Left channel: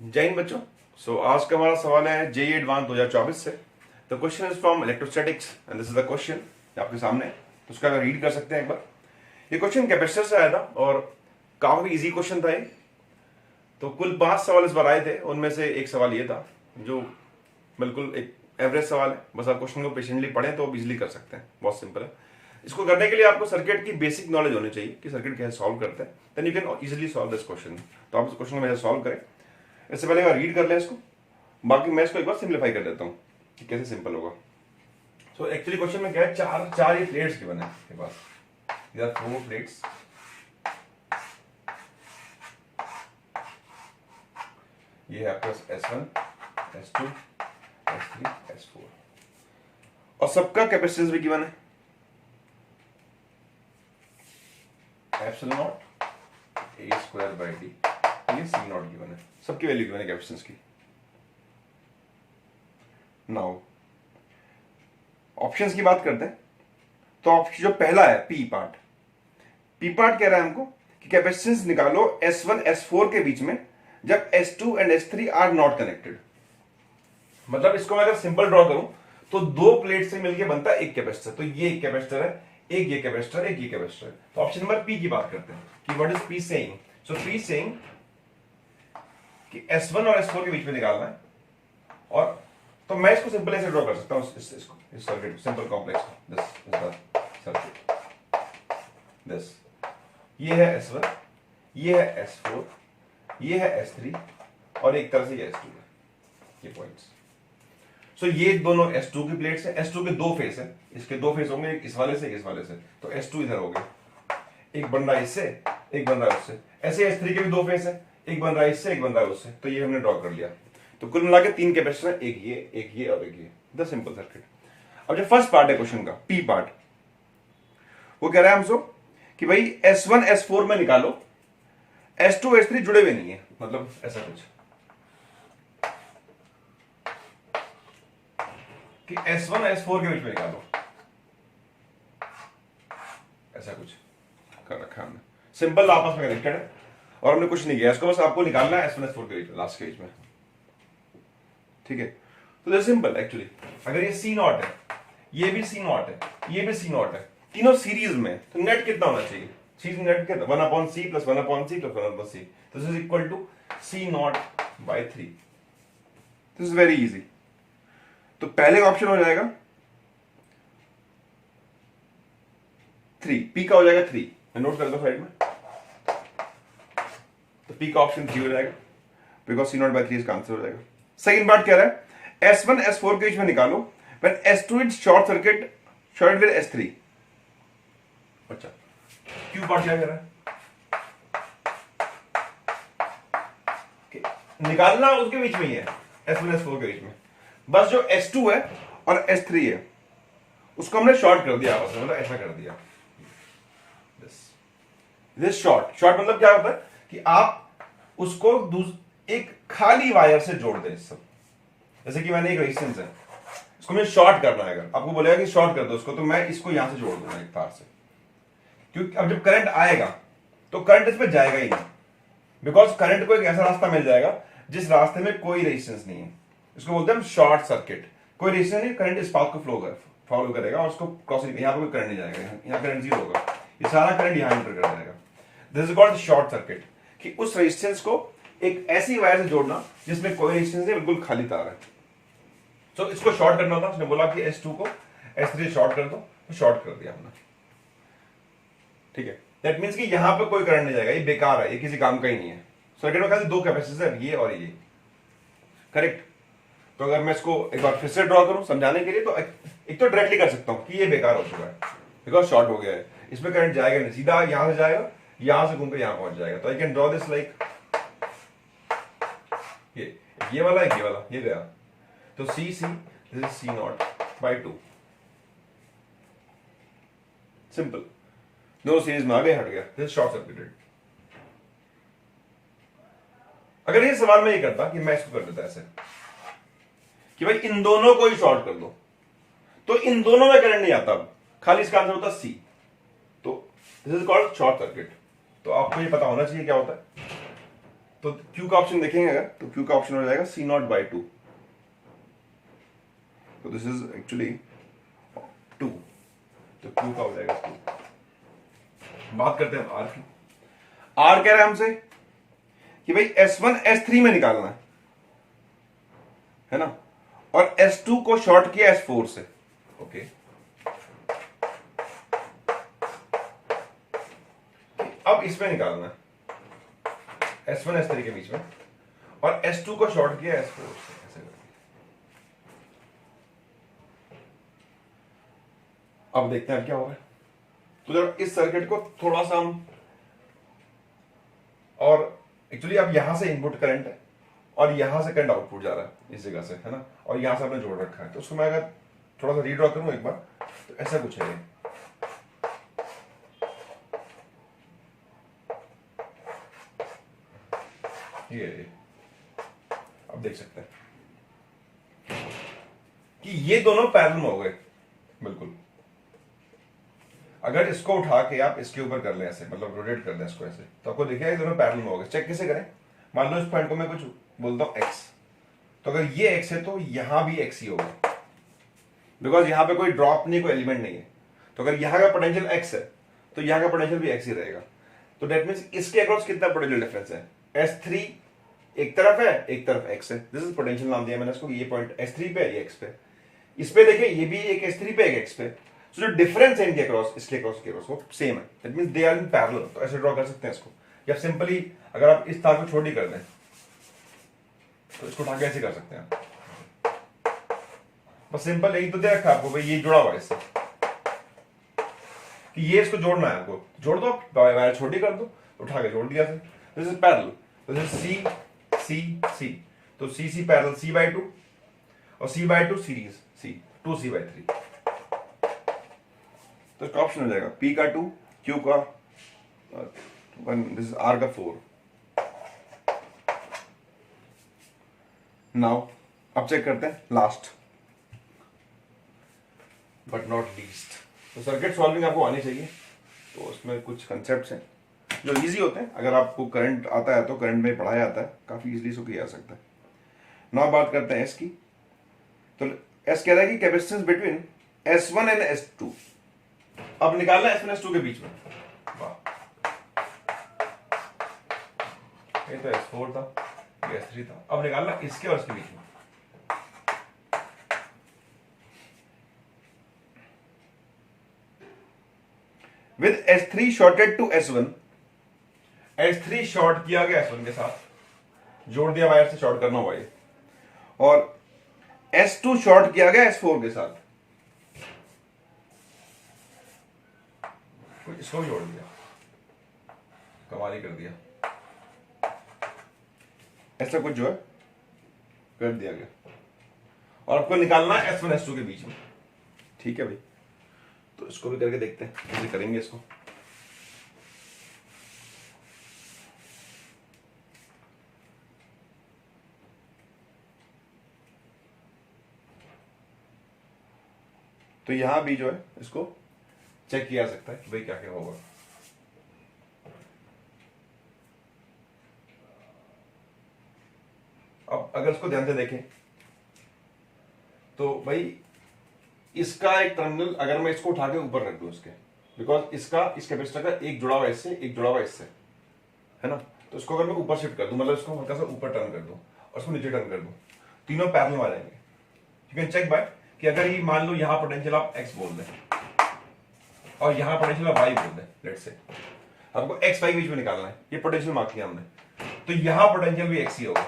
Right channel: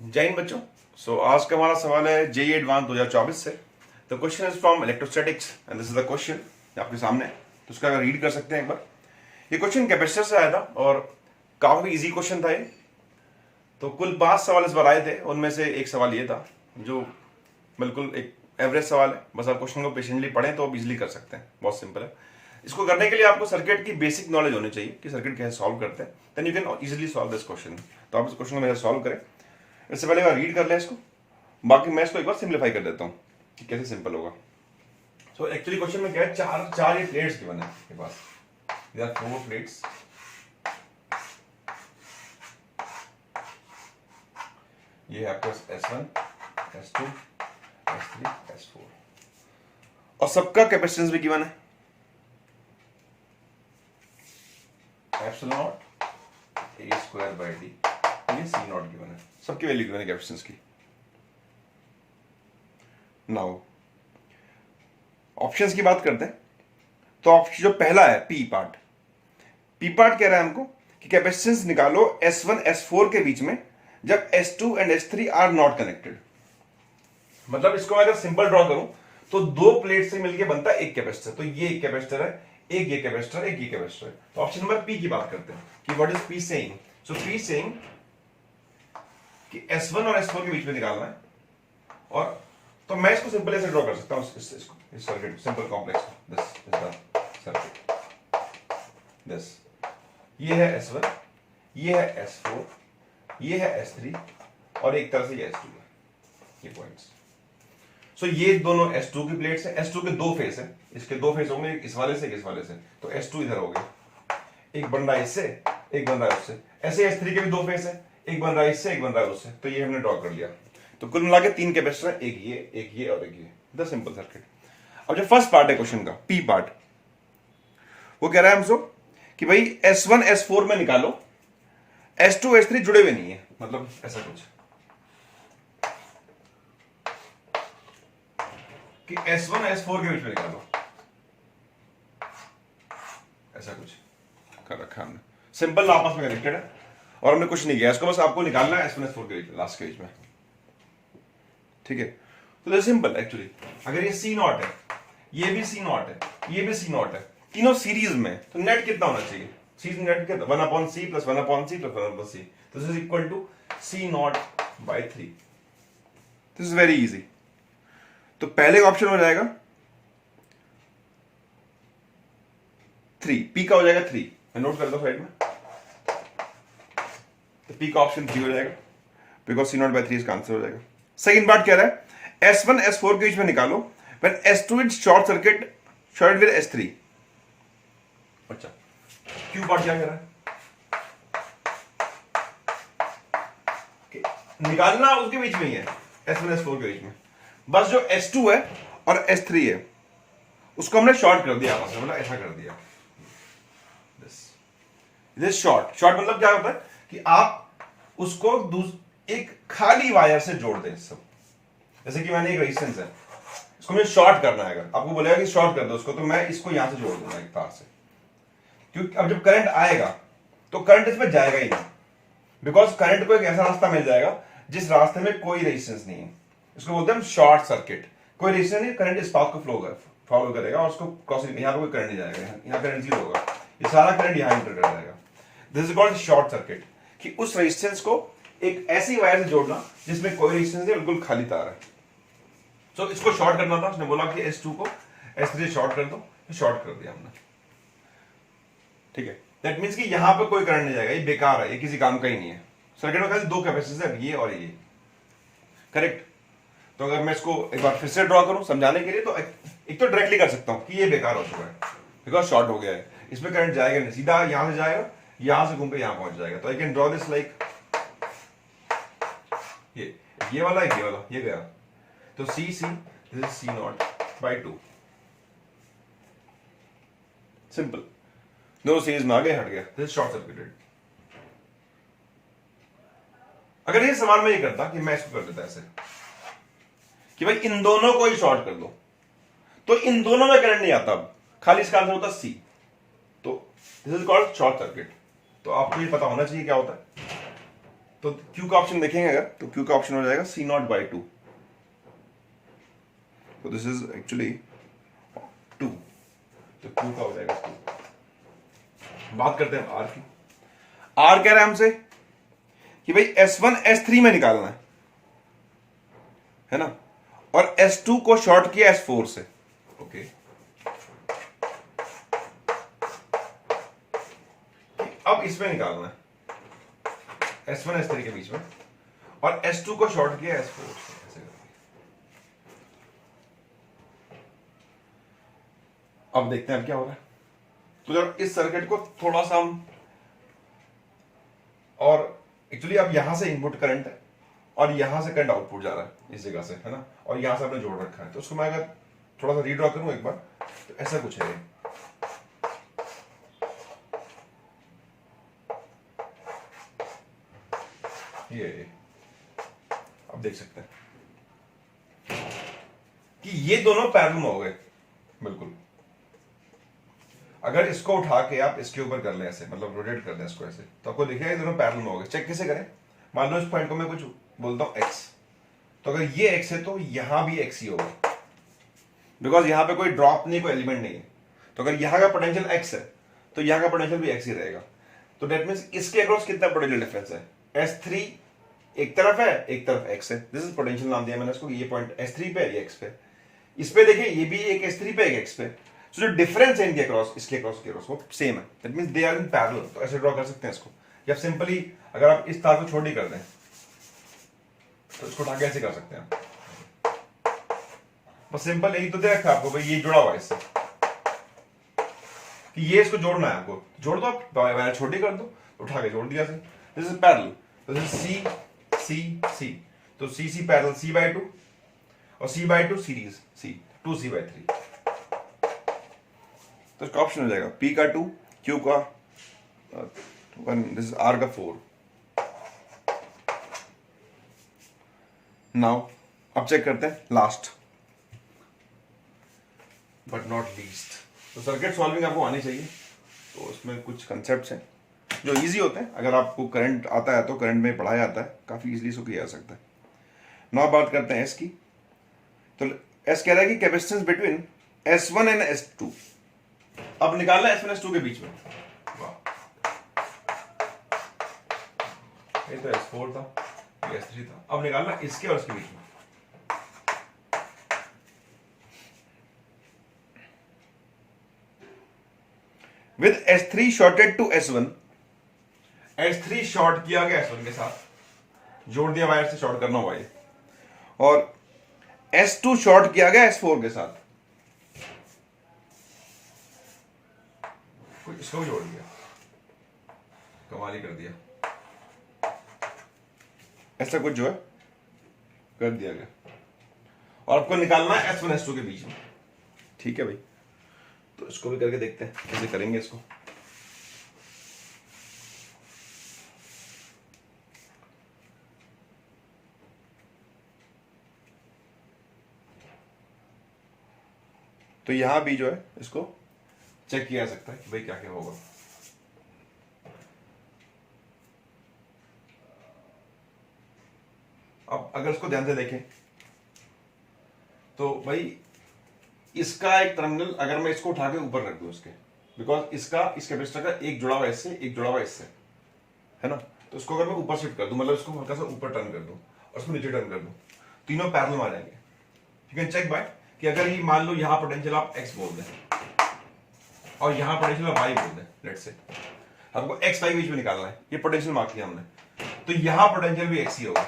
जय हिंद बच्चों। आज का हमारा सवाल है जेईई एडवांस 2024 से। The question is from electrostatics and this is the question आपके सामने है। तो उसका अगर रीड कर सकते हैं एक बार। ये क्वेश्चन कैपेसिटर से आया था और काफी इजी क्वेश्चन था ये। तो कुल 5 सवाल इस बार आए थे, उनमें से एक सवाल ये था जो बिल्कुल एक एवरेज सवाल है। बस आप क्वेश्चन को पेशेंटली पढ़ें तो आप इजिली कर सकते हैं, बहुत सिंपल है। इसको करने के लिए आपको सर्किट की बेसिक नॉलेज होनी चाहिए कि सर्किट कैसे सॉल्व करते हैं, then you can easily solve this question. तो आप इस क्वेश्चन को मेरे सॉल्व करें। इससे पहले मैं रीड कर लें इसको, बाकी मैं इसको एक बार सिंप्लीफाई कर देता हूँ कि कैसे सिंपल होगा। सो एक्चुअली क्वेश्चन में क्या है, चार ये प्लेट्स गिवन है आपके पास। These are 4 plates। ये है आपके पास S1, S2, S3, S4 और सबका कैपेसिटेंस भी गिवन है epsilon not A square by D। ये C नॉट गिवन है, सबकी वैल्यू गिवन है कैपेसिटेंस की। नाउ ऑप्शंस की बात करते हैं। तो ऑप्शन जो पहला है पी पार्ट कह रहा है हमको कि कैपेसिटेंस निकालो S1 S4 के बीच में जब S2 and S3 are not connected. मतलब इसको मैं अगर सिंपल ड्रॉ करूं तो दो प्लेट से मिलके बनता है एक कैपेसिटर। तो ये एक कैपेसिटर है, एक ये कैपेसिटर, एक ये कैपेसिटर है। तो ऑप्शन नंबर पी की बात करते हैं कि what is P saying. So P saying कि S1 और S4 के बीच में निकालना है। और तो मैं इसको सिंपल ऐसे ड्रॉ कर सकता हूं, इस circuit simple complex. This is the circuit. This ये है S1, ये है S4, ये है S3 और एक तरह से ये S2 है, ये पॉइंट्स। सो ये दोनों S2 की प्लेट्स है। S2 के दो फेस है, इसके दो फेस होंगे, एक इस वाले से, एक इस वाले से। तो S2 इधर हो गया, एक बन रहा है इससे, एक बन रहा है उससे। ऐसे S3 के भी दो फेस है, एक बन रहा है इससे, एक बन रहा है उससे। तो ये हमने ड्रॉ कर लिया। तो कुल मिला के 3 कैपेसिटर है, एक ये और एक ये। The simple circuit. अब जो फर्स्ट पार्ट है क्वेश्चन का, पी पार्ट, वो कह रहा है हमसे कि भाई S1 S4 में निकालो, S2 S3 जुड़े हुए नहीं है, मतलब ऐसा कुछ कि S1 S4 के बीच में निकालो, ऐसा कुछ कर रखा हमने। सिंपल आपस में कनेक्टेड है और हमने कुछ नहीं किया, इसको बस आपको निकालना है S1 S4 के बीच में, लास्ट के बीच में। ठीक है, तो सिंपल एक्चुअली। अगर ये C नॉट है, ये भी C नॉट है, ये भी C नॉट है, तीनों सीरीज में, तो नेट कितना होना चाहिए? सीरीज नेट कितना? 1/C plus 1/C plus 1/C। तो this is equal to C naught by 3। This is very easy. तो पहले ऑप्शन हो जाएगा 3, P का हो जाएगा 3। मैं नोट कर दो साइड में। तो P का ऑप्शन 3 हो जाएगा, बिकॉज C नॉट बाय 3 इसका आंसर हो जाएगा। सेकंड पार्ट कह रहा है S1 S4 के बीच में निकालो when S2 is short circuit with S3। अच्छा, क्यू पार्ट क्या कह रहा है? निकालना उसके बीच में ही है, S1 S4 के बीच में। बस जो S2 है और S3 है उसको हमने शॉर्ट कर दिया आपस में, मतलब ऐसा कर दिया। दिस शॉर्ट मतलब क्या होता है कि आप उसको एक खाली वायर से जोड़ दें सब। जैसे कि मैंने एक रेजिस्टेंस है, इसको मुझे शॉर्ट करना है। अगर आपको बोलेगा कि शॉर्ट कर दो उसको, तो मैं इसको यहां से जोड़ दूंगा एक तार से, क्योंकि अब जब करंट आएगा तो करंट इसमें जाएगा ही नहीं, बिकॉज करंट को एक ऐसा रास्ता मिल जाएगा जिस रास्ते में कोई रेजिस्टेंस नहीं है। इसको बोलते हैं शॉर्ट सर्किट। कोई रेजिस्टेंस नहीं, करंट इस पाथ को फॉलो करेगा और उसको क्रॉस, यहां पे कोई करंट नहीं जाएगा, यहां करंट 0 होगा, ये सारा करंट यहां एंटर कर जाएगा। This is called short circuit, कि उस रेजिस्टेंस को एक ऐसी वायर से जोड़ना जिसमें कोई रेजिस्टेंस नहीं, बिल्कुल खाली तार है। सो इसको शॉर्ट करना था। उसने बोला कि S2 को S3 शॉर्ट कर दो, तो शॉर्ट कर दिया हमने। ठीक है, दैट मींस कि यहां पे कोई करंट नहीं जाएगा, ये बेकार है, ये किसी काम का ही नहीं है। सर्किट में खाली 2 कैपेसिटर है, ये और ये। करेक्ट। तो अगर मैं इसको एक बार फिर से ड्रॉ करूं समझाने के लिए, तो एक तो डायरेक्टली कर सकता हूं कि ये बेकार हो चुका है बिकॉज शॉर्ट हो गया है, इसमें करंट जाएगा नहीं, सीधा यहां से जाएगा, यहां से घूम के यहां पहुंच जाएगा। तो I can draw this like ये वाला, ये वाला, ये गया। तो C this is C naught by 2। Simple, दोनों सीरीज में आ गए, हट गया। This is short circuited. अगर ये सवाल में ये करता कि मैं इसको कर देता ऐसे कि भाई इन दोनों को ही शॉर्ट कर दो, तो इन दोनों में करंट नहीं आता, खाली इसका आंसर होता C। तो this is called short circuit. तो आपको ये पता होना चाहिए क्या होता है। तो क्यू का ऑप्शन देखेंगे अगर, तो क्यू का ऑप्शन हो जाएगा C0/2। तो दिस इज एक्चुअली 2, तो क्यू का हो जाएगा 2। बात करते हैं आर की। आर कह रहा है हमसे कि भाई S1 S3 में निकालना है ना, और S2 को शॉर्ट किया S4 से। ओके, अब इसमें निकालना है S1 S3 के बीच में, और S2 को शॉर्ट किया S4 से। ऐसे करके अब देखते हैं क्या हो रहा है। तो जब इस सर्किट को थोड़ा सा हम, और एक्चुअली अब यहां से इनपुट करंट है और यहां से करंट आउटपुट जा रहा है इस जगह से, है ना, और यहां से हमने जोड़ रखा है। तो उसको मैं अगर थोड़ा सा रीड्रॉ करूं एक बार, तो ऐसा कुछ है ये। अब देख सकते हैं कि ये दोनों पैरेलल में हो गए बिल्कुल। अगर इसको उठा के आप इसके ऊपर कर लें ऐसे, मतलब रोटेट कर दें इसको ऐसे, तो आपको दिखेगा ये दोनों पैरेलल में हो गए। चेक कैसे करें? मान लो इस पॉइंट को मैं कुछ बोलता हूं x, तो अगर ये x है तो यहां भी x ही होगा, बिकॉज यहां पे कोई ड्रॉप नहीं, कोई एलिमेंट नहीं है। तो अगर यहां का पोटेंशियल x है तो यहां का पोटेंशियल भी x ही रहेगा। तो दैट मींस इसके अक्रॉस कितना पोटेंशियल डिफरेंस है? S3 एक तरफ है, एक तरफ x है। दिस इज पोटेंशियल नाम दिया मैंने इसको। ये पॉइंट S3 पे है, ये x पे। इस पे देखिए, ये भी एक S3 पे, एक x पे। तो जो डिफरेंस है इनके अक्रॉस, इसके अक्रॉस के अक्रॉस, वो सेम है। That means they are in parallel. तो ऐसे ड्रॉ कर सकते हैं इसको। या सिंपली अगर आप इस तार को छोटी कर दें तो इसको उठा के ऐसे कर सकते हैं। बस सिंपल यही तो दे रखा है आपको भाई, ये जुड़ा हुआ है इससे, कि ये इसको जोड़ना है आपको। जोड़ दो, आप वायर छोटी कर दो, उठा के जोड़ दिया। This is parallel. This is C C C, तो सी सी पैरेलल C/2, और C/2 सीरीज C, 2C/3। तो इसका ऑप्शन हो जाएगा P का 2, Q का 1, दिस इज R का 4। नाउ अब चेक करते हैं लास्ट बट नॉट लीस्ट। तो सर्किट सॉल्विंग आपको आनी चाहिए। तो उसमें कुछ कंसेप्ट्स हैं जो इजी होते हैं। अगर आपको करंट आता है तो करंट में पढ़ाया जाता है, काफी इजीली इसको किया जा सकता है। नाउ बात करते हैं एस की। तो एस कह रहा है कि capacitance between S1 and S2। अब निकालना है S1 S2 के बीच में। वाह, ये तो S4 था, ये S3 था। अब निकालना इसके और इसके बीच में। With S3 shorted to S1, S3 short किया गया S1 के साथ, जोड़ दिया वायर से, शॉर्ट करना हुआ ये, और S2 शॉर्ट किया गया S4 के साथ, कुछ इसको जोड़ दिया, कमाल ही कर दिया। ऐसा कुछ जो है कर दिया गया, और आपको निकालना है S1 S2 के बीच में। ठीक है भाई, तो इसको भी करके देखते हैं कैसे करेंगे इसको। तो यहां भी जो है इसको चेक किया जा सकता है कि भाई क्या क्या होगा। अब अगर इसको ध्यान से देखें तो भाई इसका एक टर्मिनल, अगर मैं इसको उठा के ऊपर रख दूं इसके, बिकॉज इसका इस कैपेसिटर का एक जुड़ा हुआ इससे, एक जुड़ा हुआ इससे, है ना। तो इसको अगर मैं ऊपर शिफ्ट कर दूं, मतलब इसको हल्का सा ऊपर टर्न कर दूं और इसको नीचे टर्न कर दूं, तीनों पैरेलल में आ जाएंगे। यू कैन चेक बाय कि अगर ये मान लो यहां पोटेंशियल आप x बोल दें और यहां पोटेंशियल आप y बोल दें, लेट्स से आपको x y बीच में निकालना है, ये पोटेंशियल मार्क किया हमने, तो यहां पोटेंशियल भी x ही होगा,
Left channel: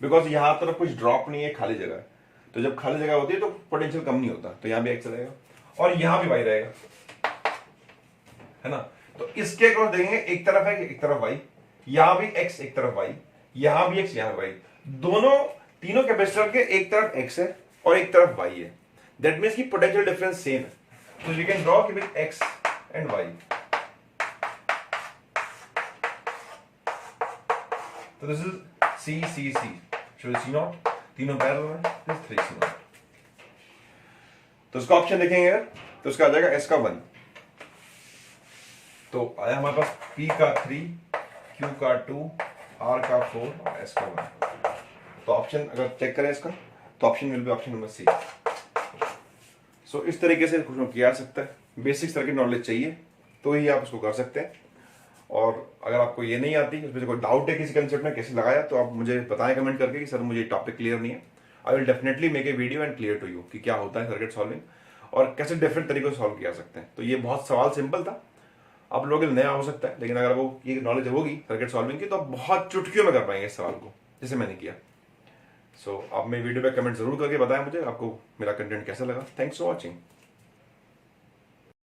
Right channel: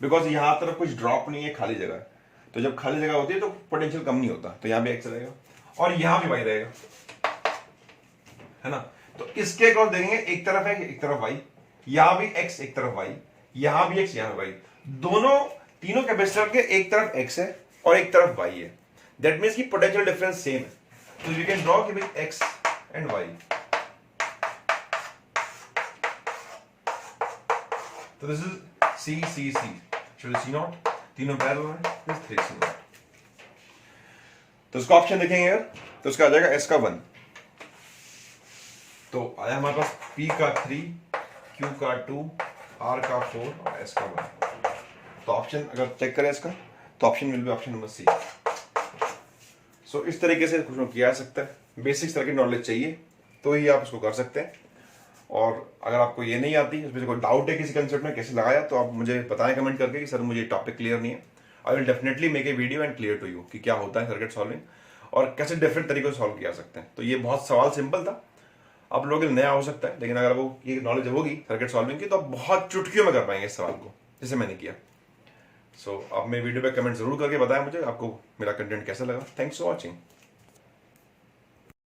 बिकॉज यहां तरफ कुछ ड्रॉप नहीं है, खाली जगह है। तो जब खाली जगह होती है तो पोटेंशियल कम नहीं होता, तो यहां भी x रहेगा और यहां भी y रहेगा, है ना। तो इसके अक्रॉस देखेंगे, एक तरफ है एक तरफ y, यहां भी x एक तरफ y, यहां भी x यहां y, दोनों तीनों कैपेसिटर के एक तरफ x है और एक तरफ y है। दैट मीन्स की पोटेंशियल डिफरेंस सेम है। तो वी कैन ड्रॉ कि भाई x एंड y। तो this is C C C, C0, तीनों पैरेलल में, दिस 3 C0। तो इसका ऑप्शन देखेंगे अगर, तो इसका आ जाएगा S का 1, तो आया हमारे पास P का 3, Q का 2, R का 4 और S का 1। तो ऑप्शन अगर चेक करें इसका तो option will be option number C. So इस तरीके से कुछ किया जा सकता है। बेसिक सर्किट नॉलेज चाहिए तो ही आप इसको कर सकते हैं। और अगर आपको ये नहीं आती, उसमें से कोई डाउट है किसी कंसेप्ट में कैसे लगाया, तो आप मुझे बताएं कमेंट करके कि सर मुझे टॉपिक क्लियर नहीं है। I will definitely make a video and clear to you कि क्या होता है सर्किट सॉल्विंग और कैसे डिफरेंट तरीकों से सॉल्व किया जा सकते हैं। तो ये बहुत सवाल सिंपल था, आप लोगों के लिए नया हो सकता है, लेकिन अगर वो ये नॉलेज होगी सर्किट सॉल्विंग की तो आप बहुत चुटकियों में कर पाएंगे इस सवाल को, जैसे मैंने किया। सो आप मेरे वीडियो पे कमेंट जरूर करके बताएं मुझे आपको मेरा कंटेंट कैसा लगा। Thanks for watching.